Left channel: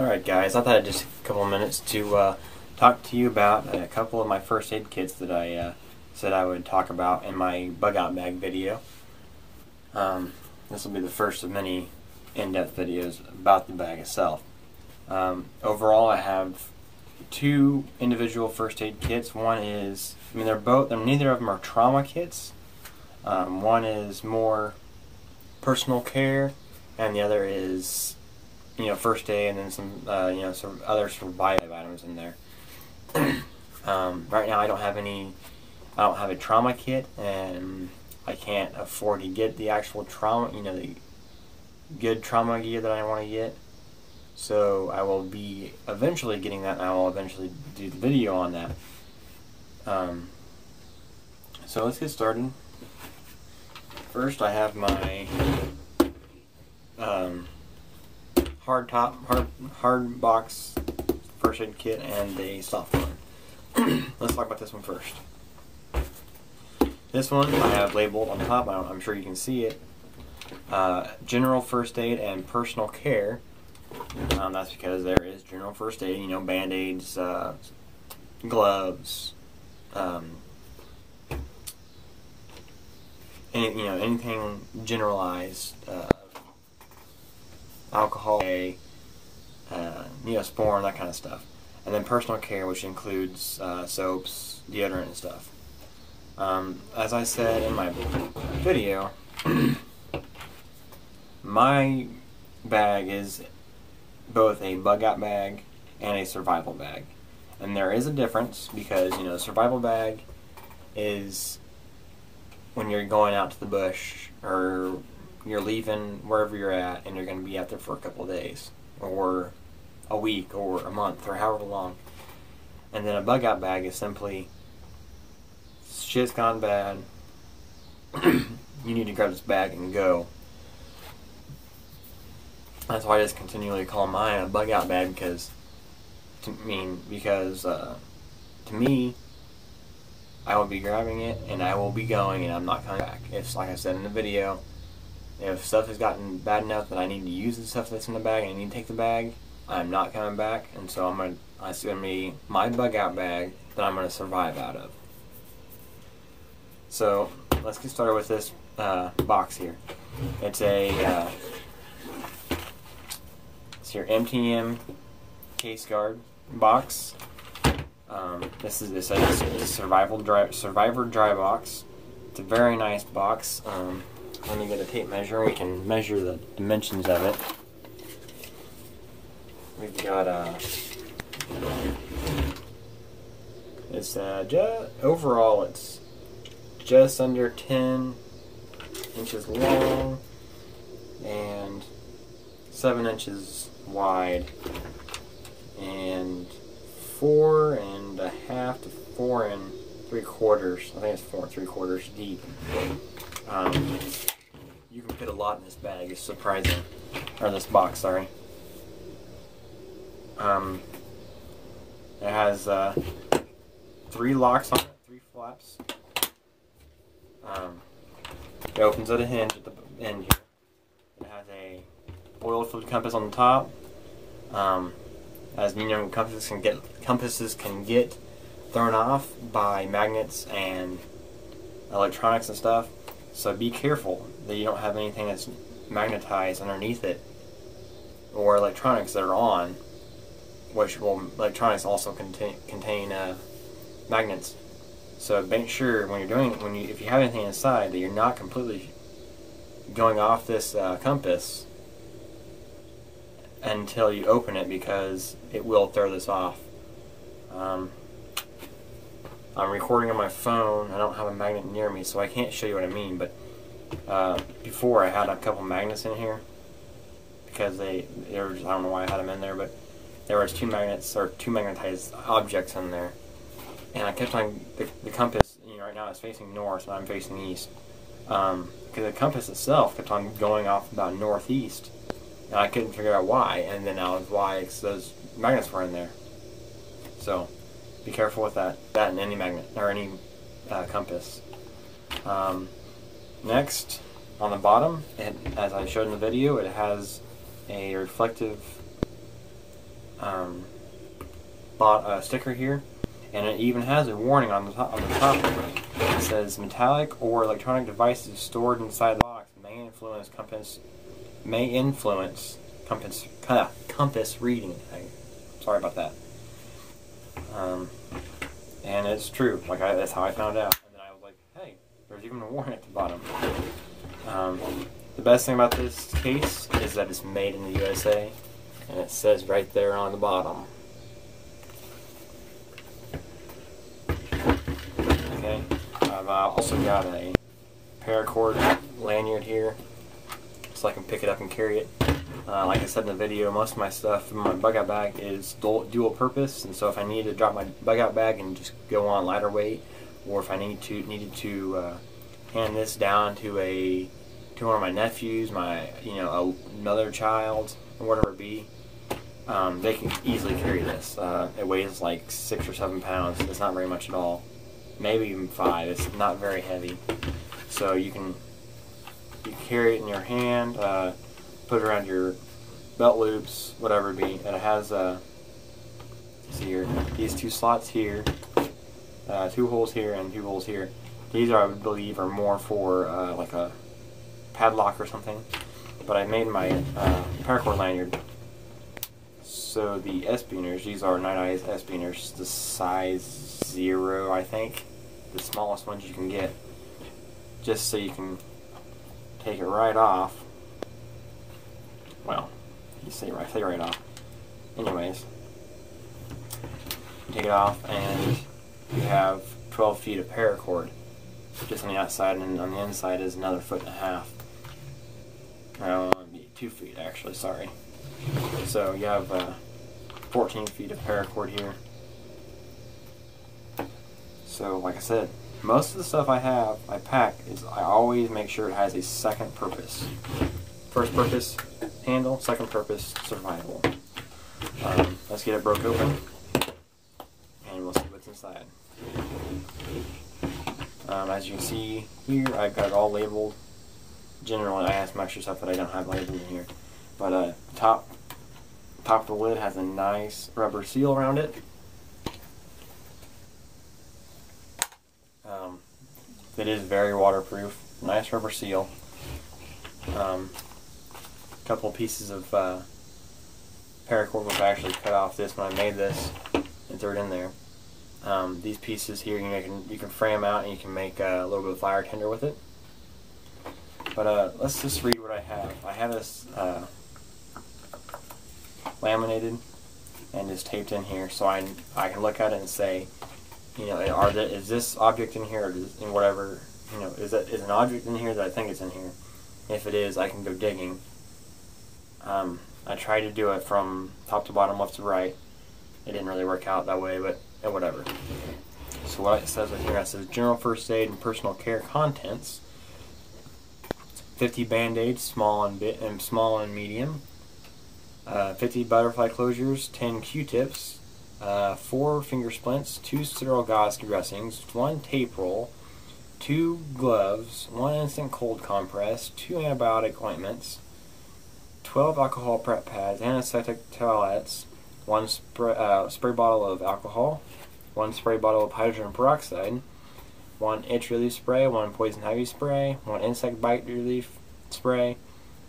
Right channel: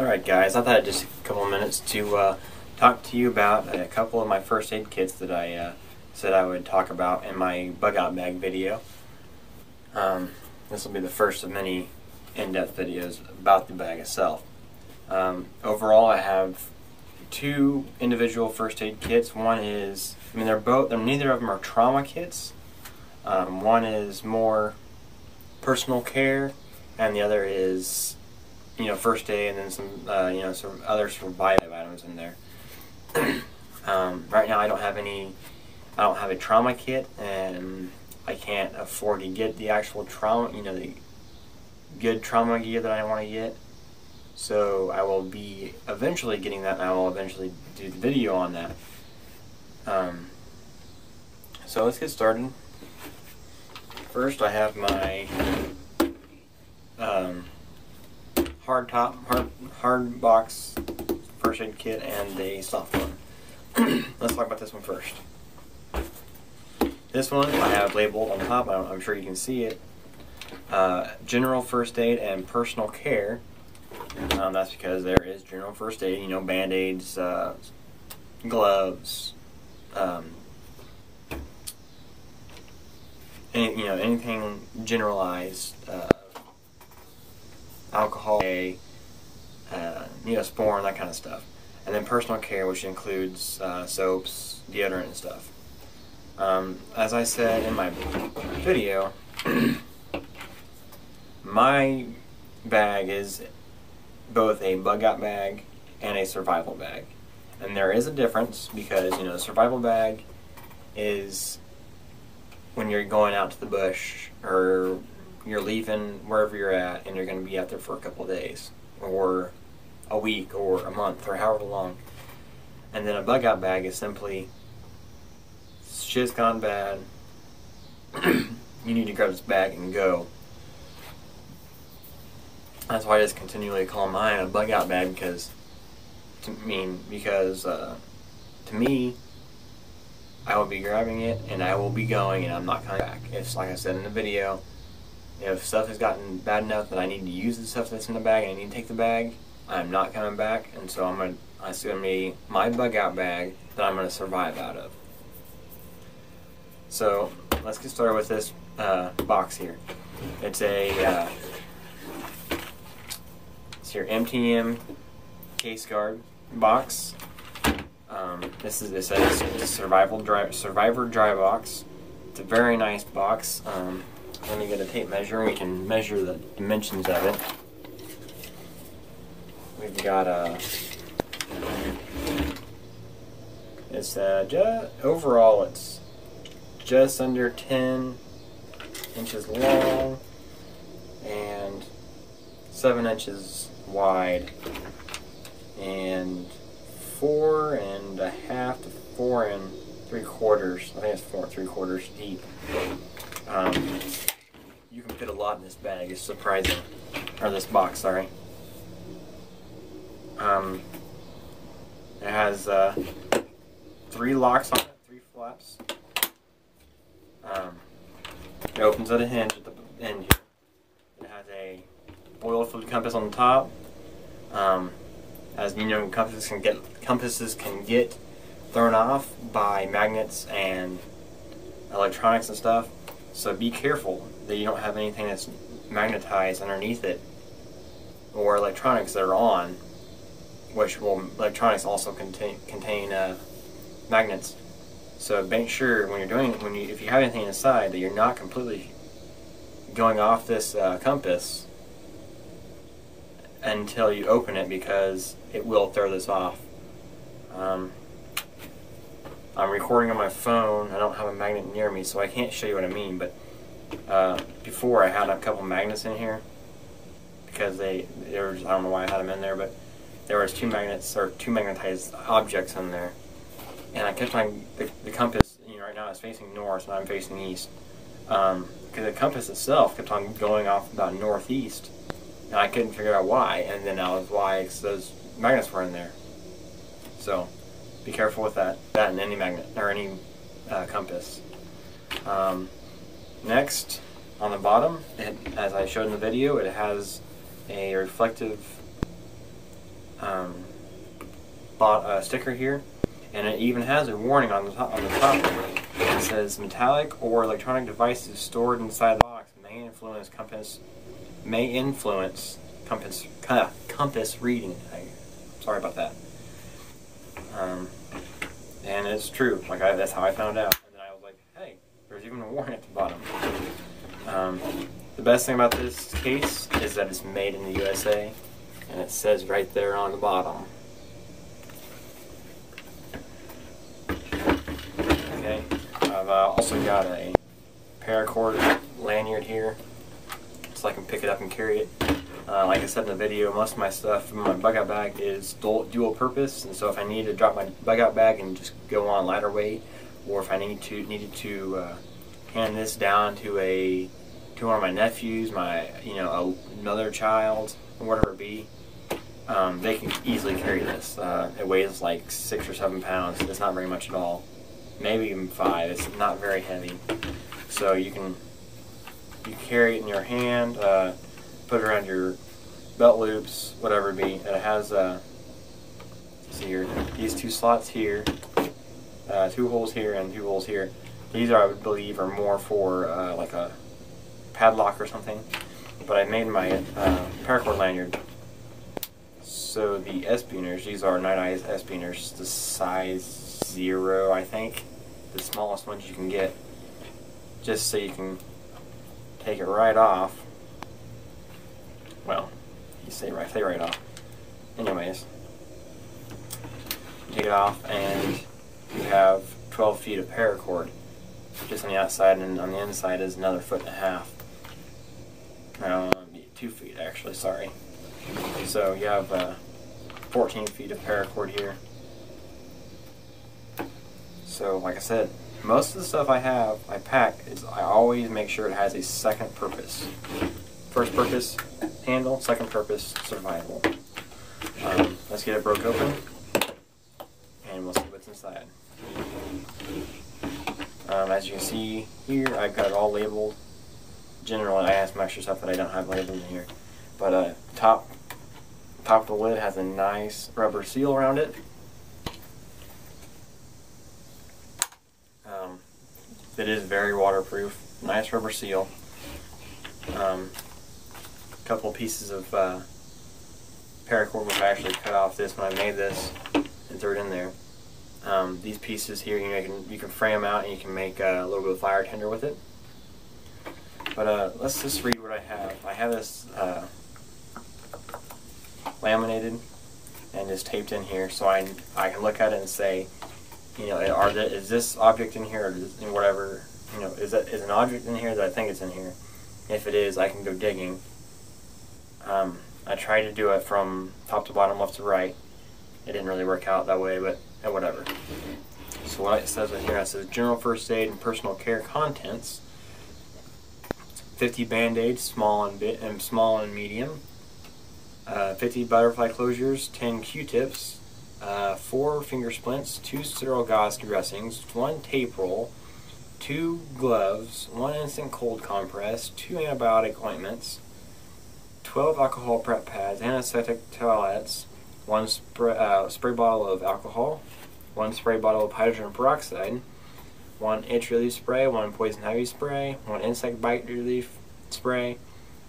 Alright guys, I thought I'd just a couple of minutes to talk to you about a couple of my first aid kits that I said I would talk about in my bug out bag video. This will be the first of many in-depth videos about the bag itself. Overall, I have two individual first aid kits. One is, neither of them are trauma kits. One is more personal care, and the other is, first aid, and then some, some other survival items in there. Right now, I don't have a trauma kit, and I can't afford to get the actual trauma, the good trauma gear that I want to get. So I will be eventually getting that, and I will eventually do the video on that. So let's get started. First, I have my hard box first aid kit and a soft one. Let's talk about this one first. This one I have labeled on top. I'm sure you can see it. General first aid and personal care. That's because there is general first aid. Band-aids, gloves, anything generalized. Alcohol, Neosporin, that kind of stuff. And then personal care, which includes soaps, deodorant, and stuff. As I said in my video, my bag is both a bug out bag and a survival bag. And there is a difference because, the survival bag is when you're going out to the bush or you're leaving wherever you're at and you're going to be out there for a couple of days or a week or a month or however long. And then a bug out bag is simply shit's gone bad, you need to grab this bag and go. That's why I just continually call mine a bug out bag, because to me, I will be grabbing it and I will be going and I'm not coming back. It's like I said in the video, if stuff has gotten bad enough that I need to use the stuff that's in the bag and I need to take the bag, I'm not coming back, and so it's going to be my bug out bag that I'm going to survive out of. So let's get started with this box here. It's your MTM case guard box. This is a Survivor dry box. It's a very nice box. Let me get a tape measure. We can measure the dimensions of it. We've got overall it's just under 10 inches long and 7 inches wide and 4.5 to 4 3/4. I think it's 4 3/4 deep. You can fit a lot in this bag. It's surprising. Or this box, sorry. It has 3 locks on it, 3 flaps. It opens at a hinge at the end here. It has a oil-filled compass on the top. As you know, compasses can get thrown off by magnets and electronics and stuff. So be careful that you don't have anything that's magnetized underneath it, or electronics that are on, electronics also contain magnets. So make sure if you have anything inside that you're not completely going off this compass until you open it, because it will throw this off. I'm recording on my phone. I don't have a magnet near me, so I can't show you what I mean, but before I had a couple magnets in here because I don't know why I had them in there, but there was 2 magnets, or 2 magnetized objects in there, and I kept on the compass. Right now it's facing north, and I'm facing east, because the compass itself kept on going off about northeast, and I couldn't figure out why. And then that was why, because those magnets were in there. So be careful with that and any magnet or any compass. Next, on the bottom, as I showed in the video, it has a reflective bought a sticker here, and it even has a warning on the top. It says metallic or electronic devices stored inside the box may influence compass reading. Sorry about that. And it's true. Like that's how I found out. And then I was like, hey, there's even a warning at the bottom. The best thing about this case is that it's made in the USA, and it says right there on the bottom. Okay, I've also got a paracord lanyard here, so I can pick it up and carry it. Like I said in the video, most of my stuff in my bug out bag is dual purpose, and so if I need to drop my bug out bag and just go on lighter weight, or if I needed to hand this down to one of my nephews, another child, or whatever it be, they can easily carry this. It weighs like 6 or 7 pounds. It's not very much at all. Maybe even 5. It's not very heavy. So you can carry it in your hand, put it around your belt loops, whatever it be. And it has see here, these 2 slots here, 2 holes here and 2 holes here. These I would believe are more for like a padlock or something. But I made my paracord lanyard. So the S-beaners, these are Night Eyes S-beaners, the size 0, I think, the smallest ones you can get, just so you can take it right off. Well, you say right off. Anyways, you take it off and you have 12 feet of paracord just on the outside, and on the inside is another 1.5 feet. No, 2 feet actually, sorry. So you have 14 feet of paracord here. So like I said, most of the stuff I pack, I always make sure it has a second purpose. First purpose, handle. Second purpose, survival. Let's get it broke open, and we'll see what's inside. As you can see here, I've got it all labeled. Generally, I have some extra stuff that I don't have labeled in here. But top of the lid has a nice rubber seal around it. It is very waterproof. Nice rubber seal. A couple pieces of paracord, which I actually cut off this when I made this and threw it in there. These pieces here, you can frame out and you can make a little bit of fire tinder with it. But let's just read what I have. I have this laminated and just taped in here, so I can look at it and say, is this object in here, or whatever, is an object in here that I think it's in here? If it is, I can go digging. I tried to do it from top to bottom, left to right. It didn't really work out that way, but whatever. So what it says right here, it says general first aid and personal care contents. 50 band-aids, small and medium. 50 butterfly closures, 10 Q-tips, 4 finger splints, 2 sterile gauze dressings, 1 tape roll, 2 gloves, 1 instant cold compress, 2 antibiotic ointments, 12 alcohol prep pads, antiseptic towelettes, 1 spray bottle of alcohol, 1 spray bottle of hydrogen peroxide, 1 itch relief spray, 1 poison ivy spray, 1 insect bite relief spray,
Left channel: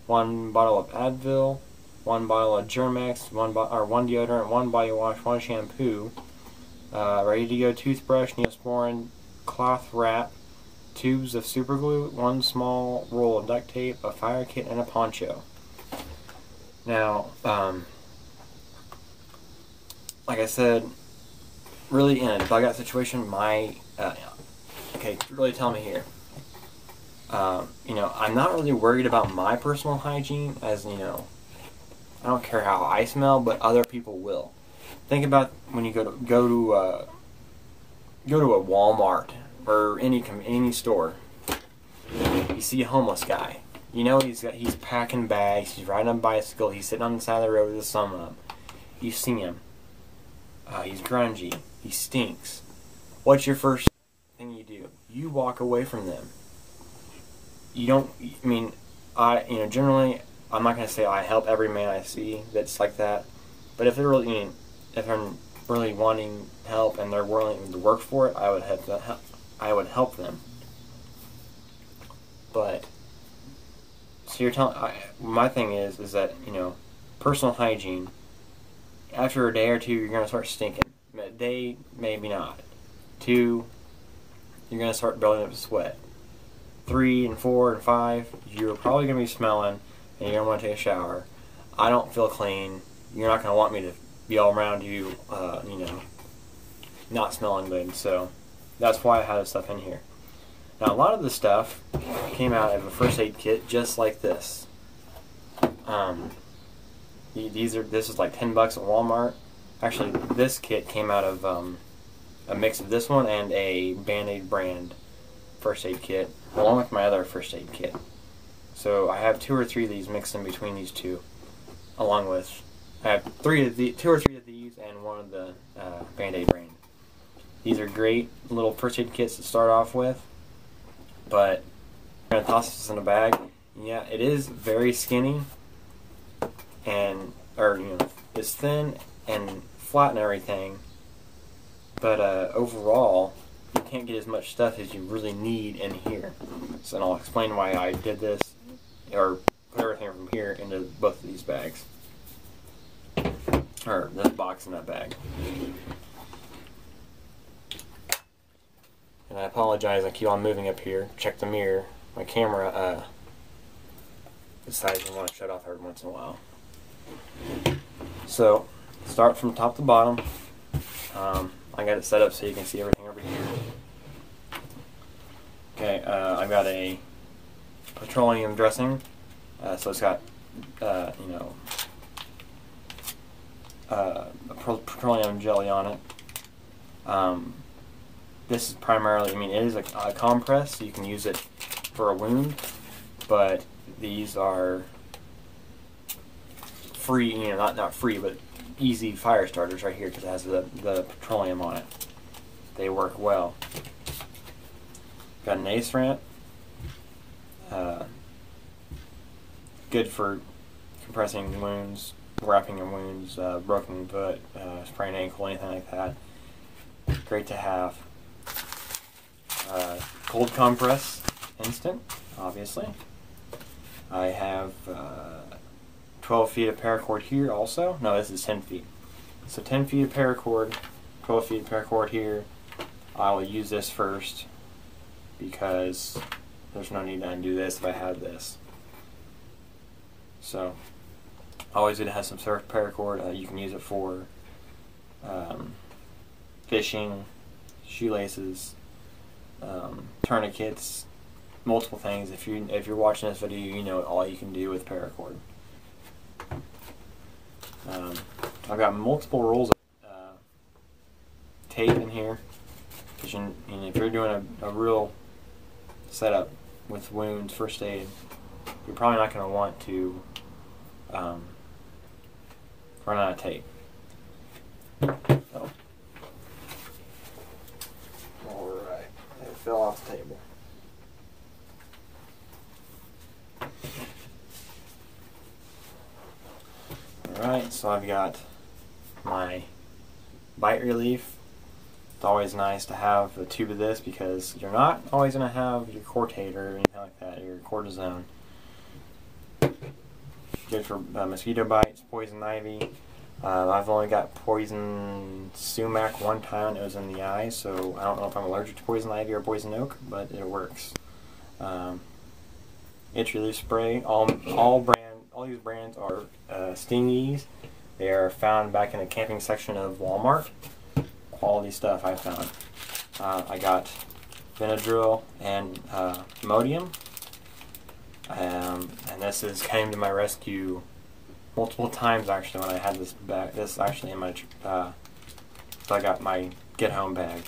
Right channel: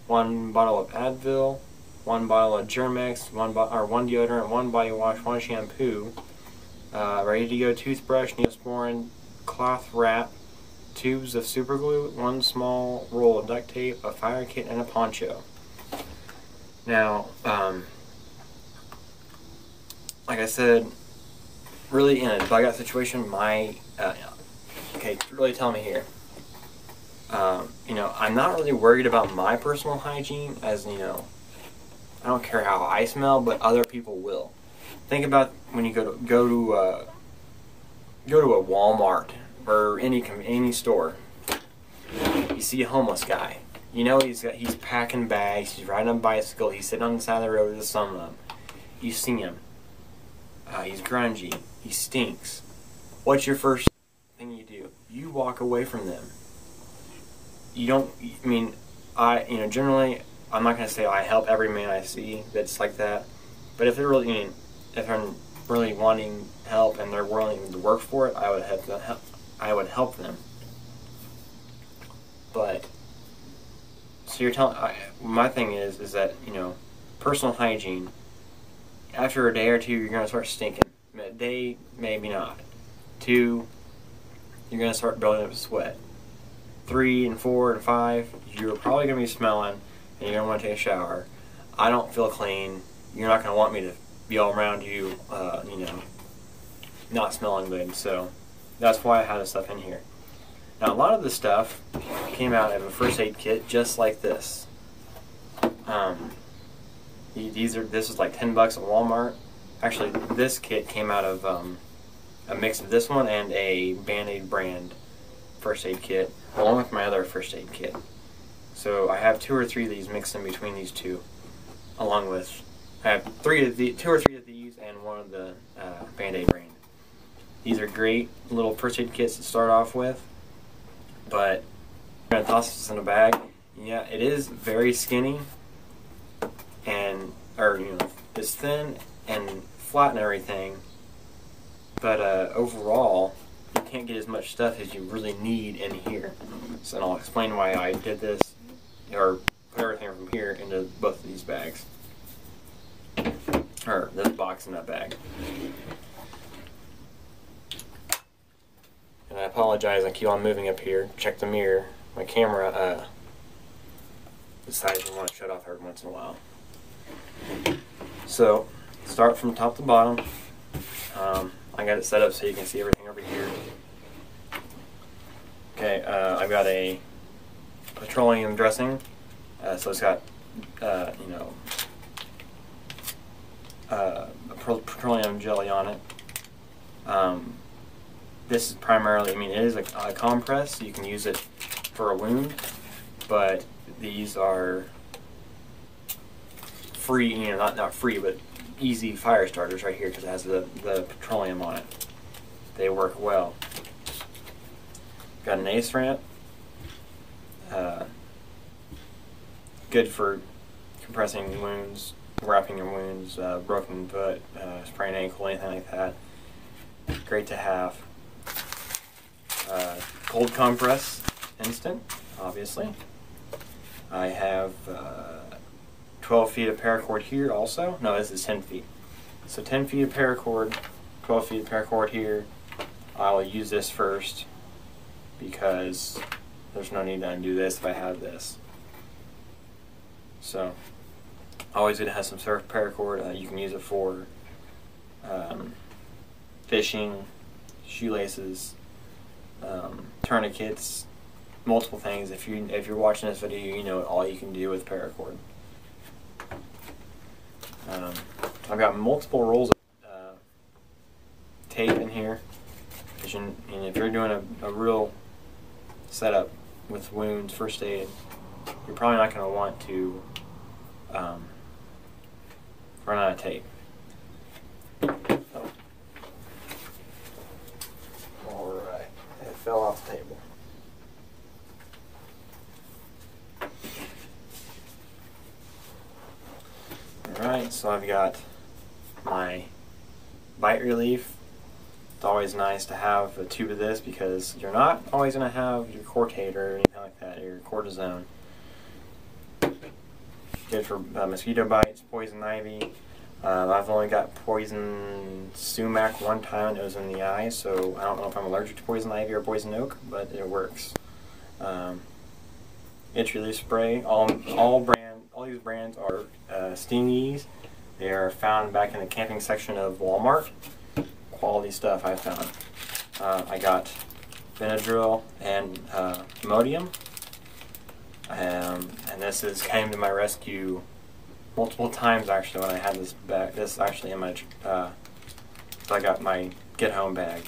1 bottle of Advil, 1 bottle of Germex, 1 deodorant, 1 body wash, 1 shampoo, ready to go toothbrush, Neosporin, cloth wrap, tubes of super glue, 1 small roll of duct tape, a fire kit, and a poncho. Now, like I said, really in a bug out situation, okay, really tell me here. I'm not really worried about my personal hygiene, as I don't care how I smell, but other people will. Think about when you go to a Walmart or any store. You see a homeless guy. He's packing bags. He's riding a bicycle. He's sitting on the side of the road with the sun up. You see him. He's grungy. He stinks. What's your first thing you do? You walk away from them. You don't. Generally, I'm not going to say I help every man I see that's like that, But if they're really, if I'm really wanting help and they're willing to work for it, I would help them. But so you're telling, my thing is that, you know, personal hygiene. After a day or two, you're going to start stinking. A day, maybe not. 2, you're going to start building up sweat. 3 and 4 and 5, you're probably going to be smelling, and you're going to want to take a shower. I don't feel clean. You're not going to want me to be all around you, you know, not smelling good. So that's why I have this stuff in here. Now, a lot of this stuff came out of a first aid kit just like this. This is like $10 at Walmart. Actually, this kit came out of a mix of this one and a Band-Aid brand first aid kit, along with my other first aid kit. So I have 2 or 3 of these mixed in between these two, along with I have 2 or 3 of these and one of the Band-Aid brand. These are great little first aid kits to start off with, but I'm gonna toss this in a bag. Yeah, it is very skinny, and you know, it's thin and flat and everything, but overall you can't get as much stuff as you really need in here. So I'll explain why I did this, or put everything from here into both of these bags, or this box and that bag. And I apologize, I keep on moving up here. Check the mirror. My camera decides you want to shut off every once in a while. So, start from top to bottom. I got it set up so you can see everything over here. Okay, I've got a petroleum dressing. So it's got, you know, petroleum jelly on it. This is primarily, I mean, it is a compress, so you can use it for a wound, but these are free, you know, not free, but easy fire starters right here because it has the petroleum on it. They work well. Got an ace ramp. Good for compressing wounds, wrapping your wounds, broken foot, sprained ankle, anything like that. Great to have. Cold compress, instant, obviously. I have 12 feet of paracord here also. No, this is 10 feet. So 10 feet of paracord, 12 feet of paracord here. I'll use this first because there's no need to undo this if I have this. So, always good to have some surf paracord. You can use it for fishing, shoelaces, tourniquets, multiple things. If you're watching this video, you know all you can do with paracord. I've got multiple rolls of tape in here. And if you're doing a real setup with wounds, first aid, you're probably not going to want to run out of tape. So. Alright, it fell off the table. Alright, so I've got my bite relief. It's always nice to have a tube of this because you're not always going to have your Cortate or anything like that, your cortisone. Good for mosquito bites, poison ivy. I've only got poison sumac one time. It was in the eye, so I don't know if I'm allergic to poison ivy or poison oak, but it works. Itch relief spray. All these brands are Stingies. They are found back in the camping section of Walmart. Quality stuff I found. I got Benadryl and Imodium. And this came to my rescue multiple times actually when I had this bag. This actually in my so I got my get home bag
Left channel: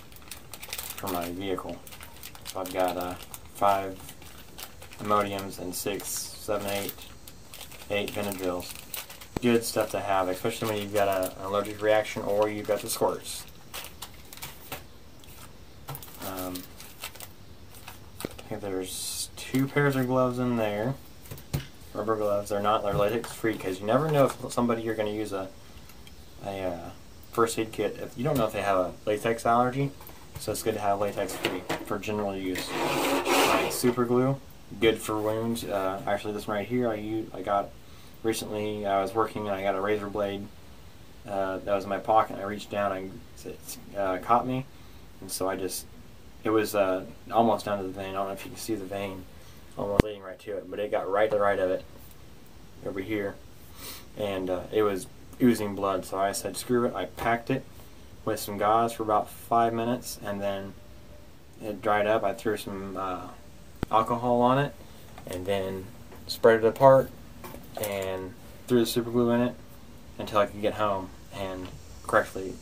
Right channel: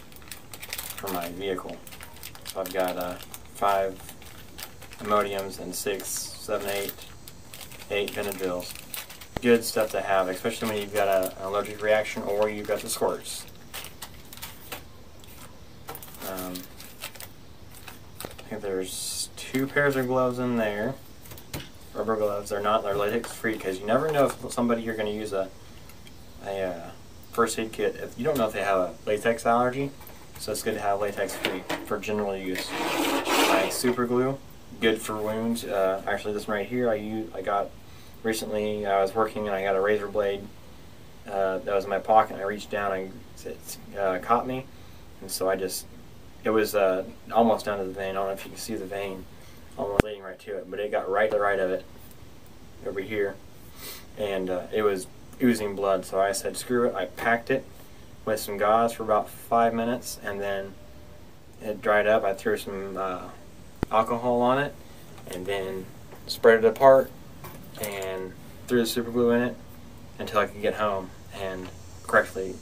for my vehicle. So I've got 5 Imodiums and 6, 7, 8 Benadryls. Good stuff to have, especially when you've got an allergic reaction or you've got the squirts. I think there's 2 pairs of gloves in there. Rubber gloves. They're latex free because you never know if somebody you're going to use a a first aid kit. If you don't know if they have a latex allergy, so it's good to have latex free for general use. My super glue, good for wounds. Actually, this one right here, I got recently. I was working and I got a razor blade that was in my pocket, and I reached down and it caught me, and so it was almost down to the vein. I don't know if you can see the vein, almost leading right to it, but it got right to the right of it, over here, and it was oozing blood. So I said, screw it. I packed it with some gauze for about 5 minutes, and then it dried up. I threw some alcohol on it, and then spread it apart, and threw the super glue in it until I could get home and correctly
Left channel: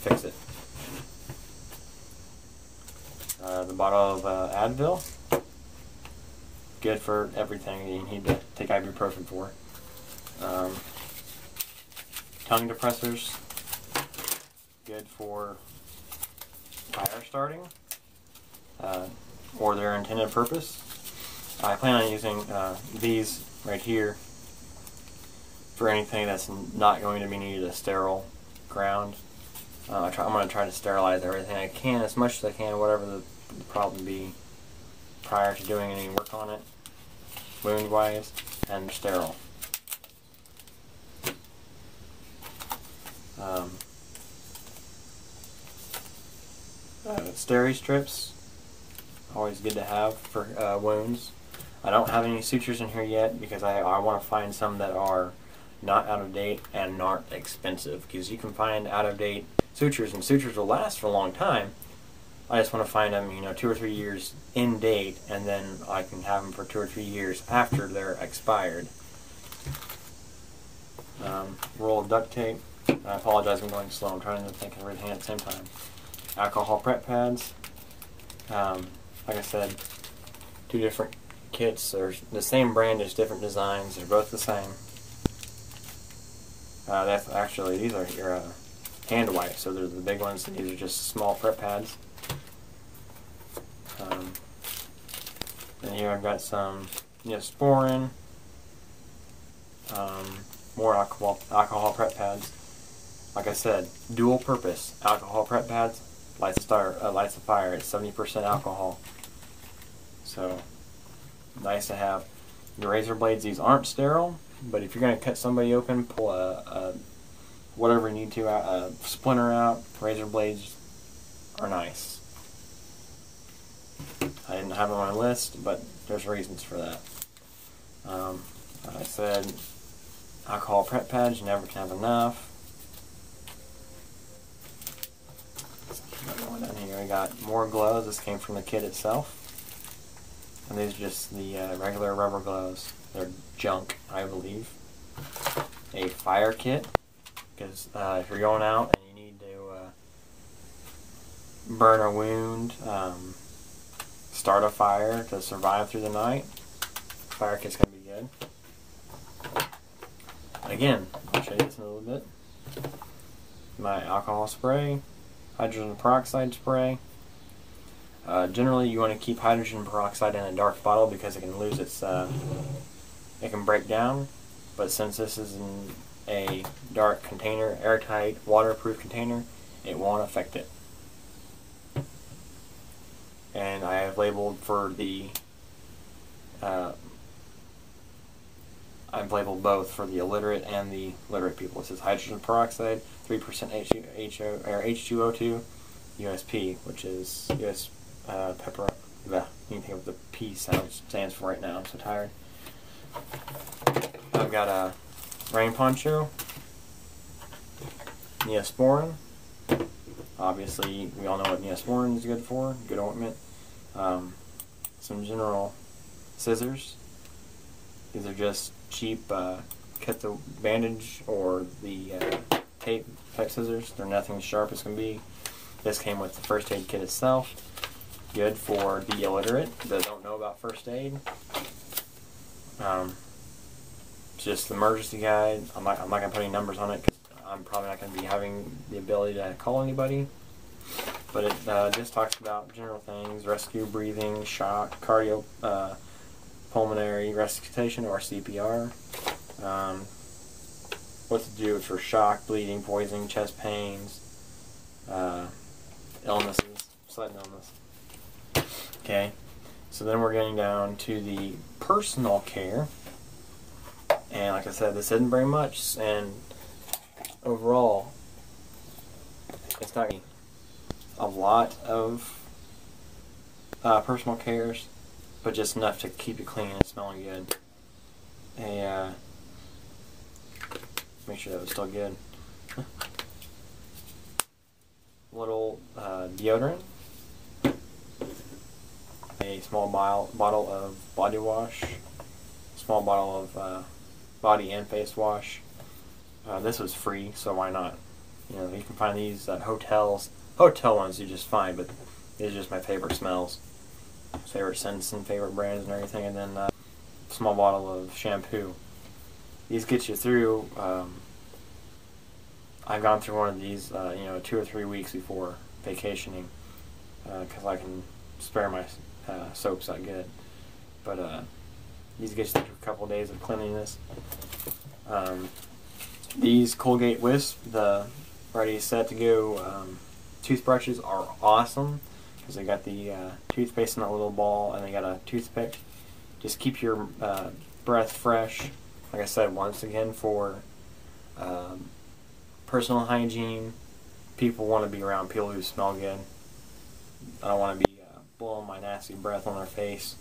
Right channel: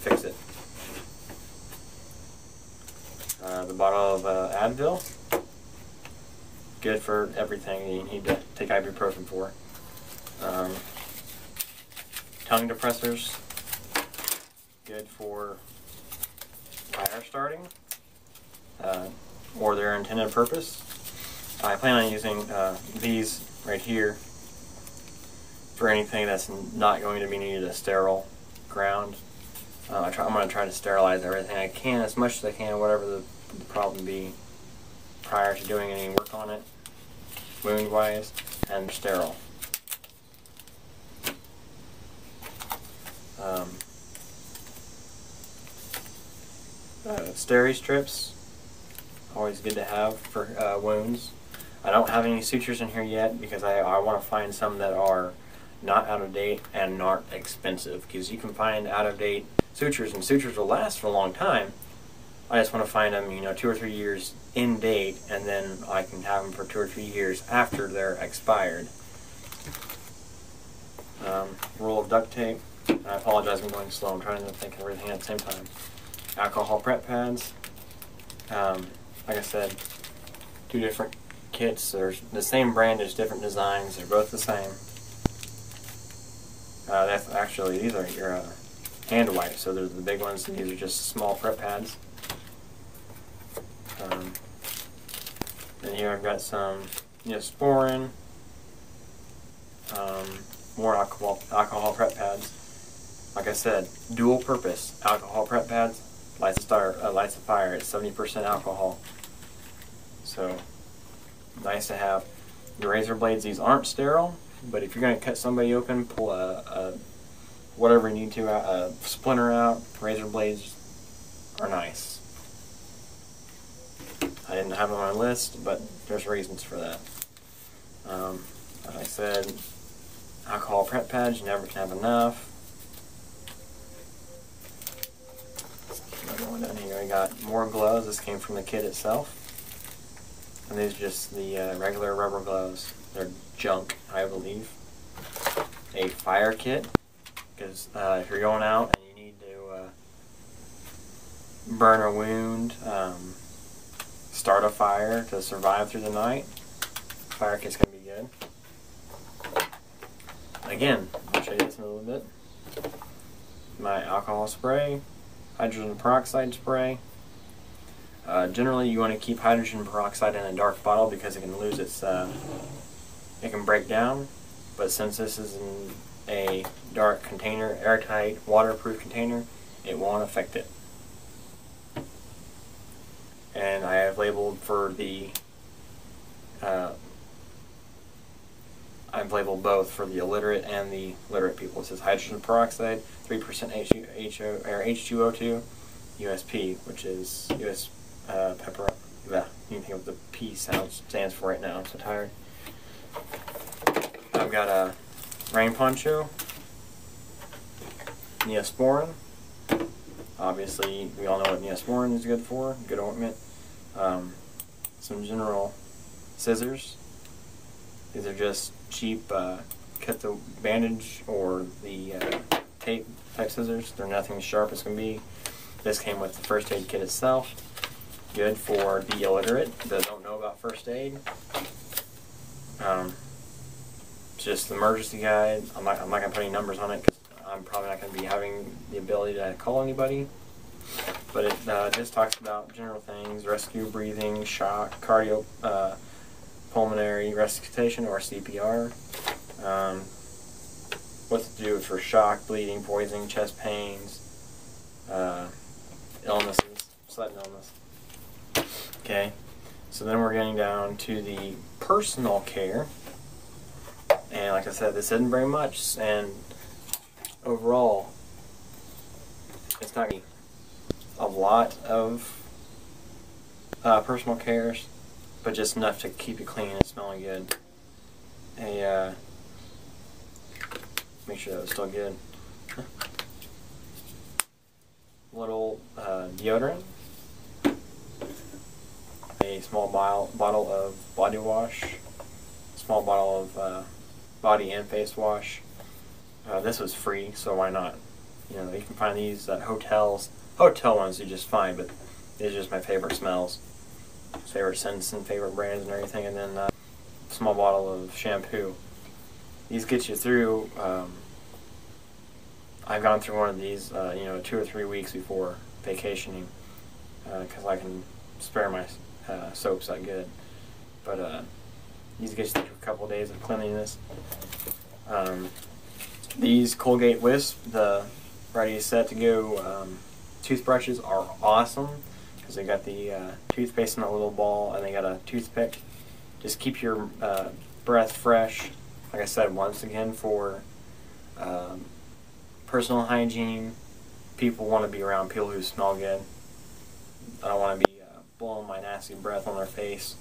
fix it. The bottle of Advil, good for everything you need to take ibuprofen for. Tongue depressors, good for fire starting or their intended purpose. I plan on using these right here for anything that's not going to be needed a sterile ground. I'm going to try to sterilize everything I can, as much as I can, whatever the problem be, prior to doing any work on it, wound-wise, and sterile. Steri strips, always good to have for wounds. I don't have any sutures in here yet because I want to find some that are not out of date and not expensive, because you can find out of date sutures, and sutures will last for a long time. I just want to find them, 2 or 3 years in date, and then I can have them for 2 or 3 years after they're expired. Roll of duct tape. I apologize, I'm going slow. I'm trying to think of everything at the same time. Alcohol prep pads. Like I said, 2 different kits. They're the same brand, just different designs. They're both the same. Actually, these are your hand wipes, so they're the big ones. These are just small prep pads. And here I've got some Neosporin, more alcohol prep pads. Like I said, dual purpose alcohol prep pads. Lights a fire. It's 70% alcohol. So nice to have. The razor blades, these aren't sterile, but if you're going to cut somebody open, pull whatever you need to, a splinter out. Razor blades are nice. I didn't have it on my list, but there's reasons for that. Like I said, alcohol prep pads, you never can have enough. Another one down here, I got more gloves. This came from the kit itself. And these are just the regular rubber gloves. They're junk, I believe. A fire kit, because if you're going out and you need to burn a wound, start a fire to survive through the night, fire kit's going to be good. Again, I'll show you this in a little bit. My alcohol spray, hydrogen peroxide spray. Generally, you want to keep hydrogen peroxide in a dark bottle because it can lose its, it can break down. But since this is in a dark container, airtight, waterproof container, it won't affect it. And I have labeled for the, I've labeled both for the illiterate and the literate people. It says hydrogen peroxide, 3% H2O2, USP, which is US pepper. You can think of what the P stands for right now. I'm so tired. I've got a rain poncho, Neosporin. Obviously, we all know what Neosporin is good for. Good ointment. Some general scissors. These are just cheap cut the bandage or the tape type scissors. They're nothing as sharp as can be. This came with the first aid kit itself. Good for the illiterate that don't know about first aid. It's just the emergency guide. I'm not going to put any numbers on it because I'm probably not going to be having the ability to call anybody. But it just talks about general things: rescue, breathing, shock, cardio, pulmonary resuscitation or CPR. what to do for shock, bleeding, poisoning, chest pains, illnesses, sudden illness. Okay, so then we're getting down to the personal care, and like I said, this isn't very much, and overall, it's not a lot of personal cares, but just enough to keep you clean and smelling good. Make sure that was still good. Little deodorant, a small bottle of body wash, small bottle of body and face wash. This was free, so why not? You know, you can find these at hotels. Hotel ones do just fine, but these are just my favorite smells, favorite scents and favorite brands and everything. And then a small bottle of shampoo. These get you through. I've gone through one of these, you know, 2 or 3 weeks before vacationing, because I can spare my soaps that good. But these get you through a couple of days of cleanliness. These Colgate Wisp, the ready set to go toothbrushes, are awesome because they got the toothpaste in a little ball and they got a toothpick. Just keep your breath fresh. Like I said, once again, for personal hygiene, people want to be around people who smell good. I don't want to be blowing my nasty breath on their face,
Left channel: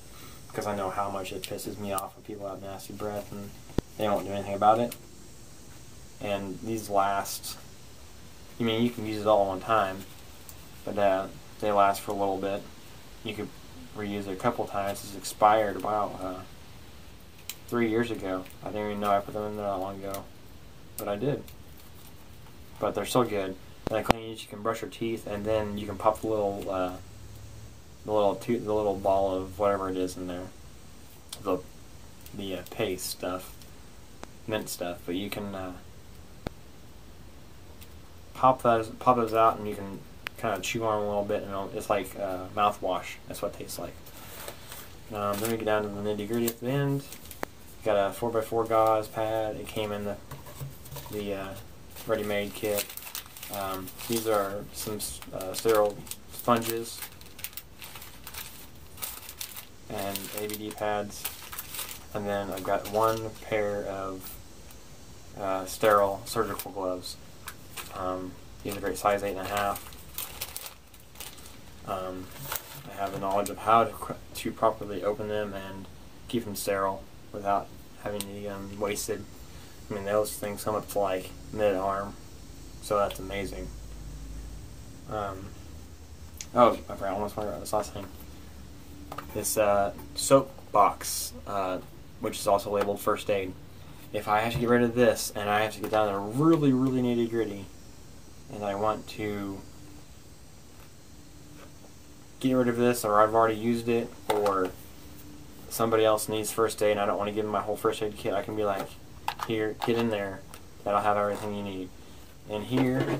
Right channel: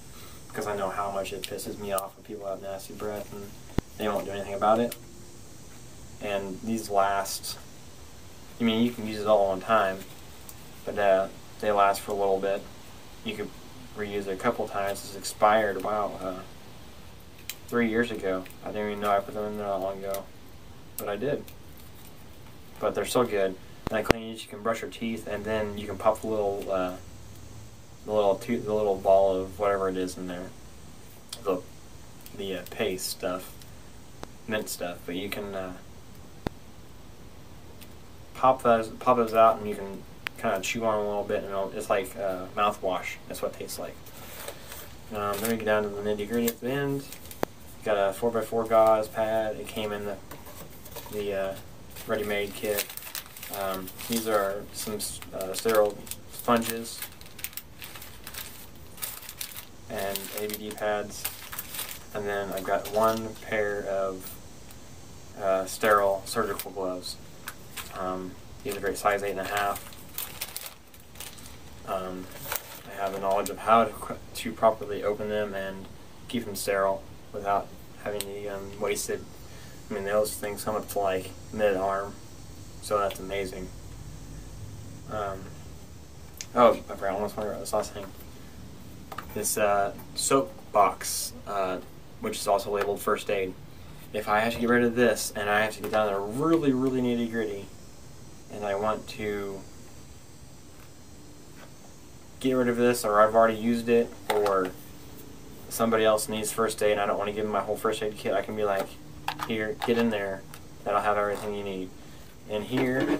because I know how much it pisses me off when people have nasty breath and they won't do anything about it. And these last, I mean, you can use it all one time, but they last for a little bit. You could reuse it a couple times. It's expired about 3 years ago. I didn't even know I put them in there that long ago, but I did. But they're still good. And I clean these. You can brush your teeth, and then you can pop the little ball of whatever it is in there, the paste stuff, mint stuff. But you can pop those out, and you can kind of chew on them a little bit, and it's like mouthwash. That's what it tastes like. Then we get down to the nitty gritty at the end. Got a 4x4 gauze pad. It came in the ready-made kit. These are some sterile sponges and ABD pads, and then I've got 1 pair of sterile surgical gloves. These are great, size 8.5. I have the knowledge of how to properly open them and keep them sterile without having the wasted. I mean, those things come up to like mid-arm, so that's amazing. Oh, I forgot, I almost forgot this last thing. This soap box, which is also labeled first aid. If I have to get rid of this, and I have to get down there really, really nitty-gritty, and I want to get rid of this, or I've already used it, or somebody else needs first aid and I don't want to give them my whole first aid kit, I can be like, here, get in there, that'll have everything you need. And here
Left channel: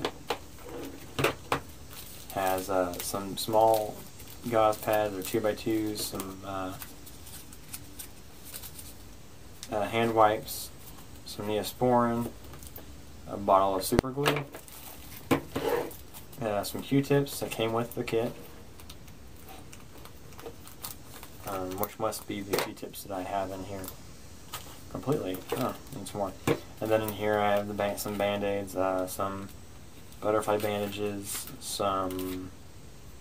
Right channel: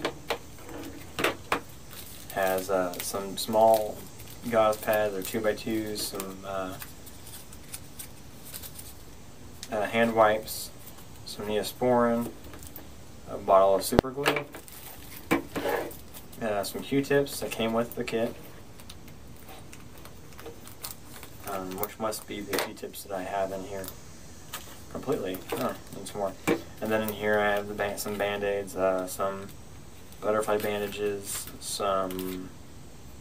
has some small gauze pads or 2x2s, some hand wipes, some Neosporin, a bottle of super glue, some Q-tips that came with the kit, which must be the Q-tips that I have in here completely. Oh, and some more. And then in here I have some Band-Aids, some butterfly bandages, some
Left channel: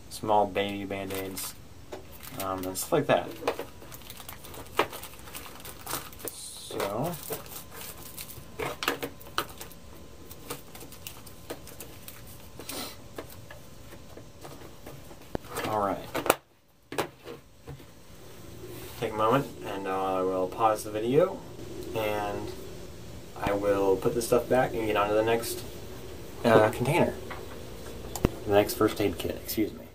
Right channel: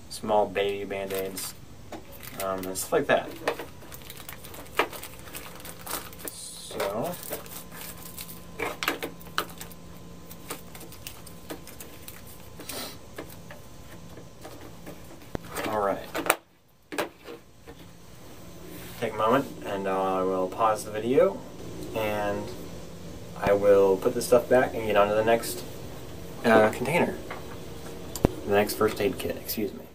small baby Band-Aids, and stuff like that. So, alright. Take a moment and I will pause the video and I will put this stuff back and get on to the next container. The next first aid kit, excuse me.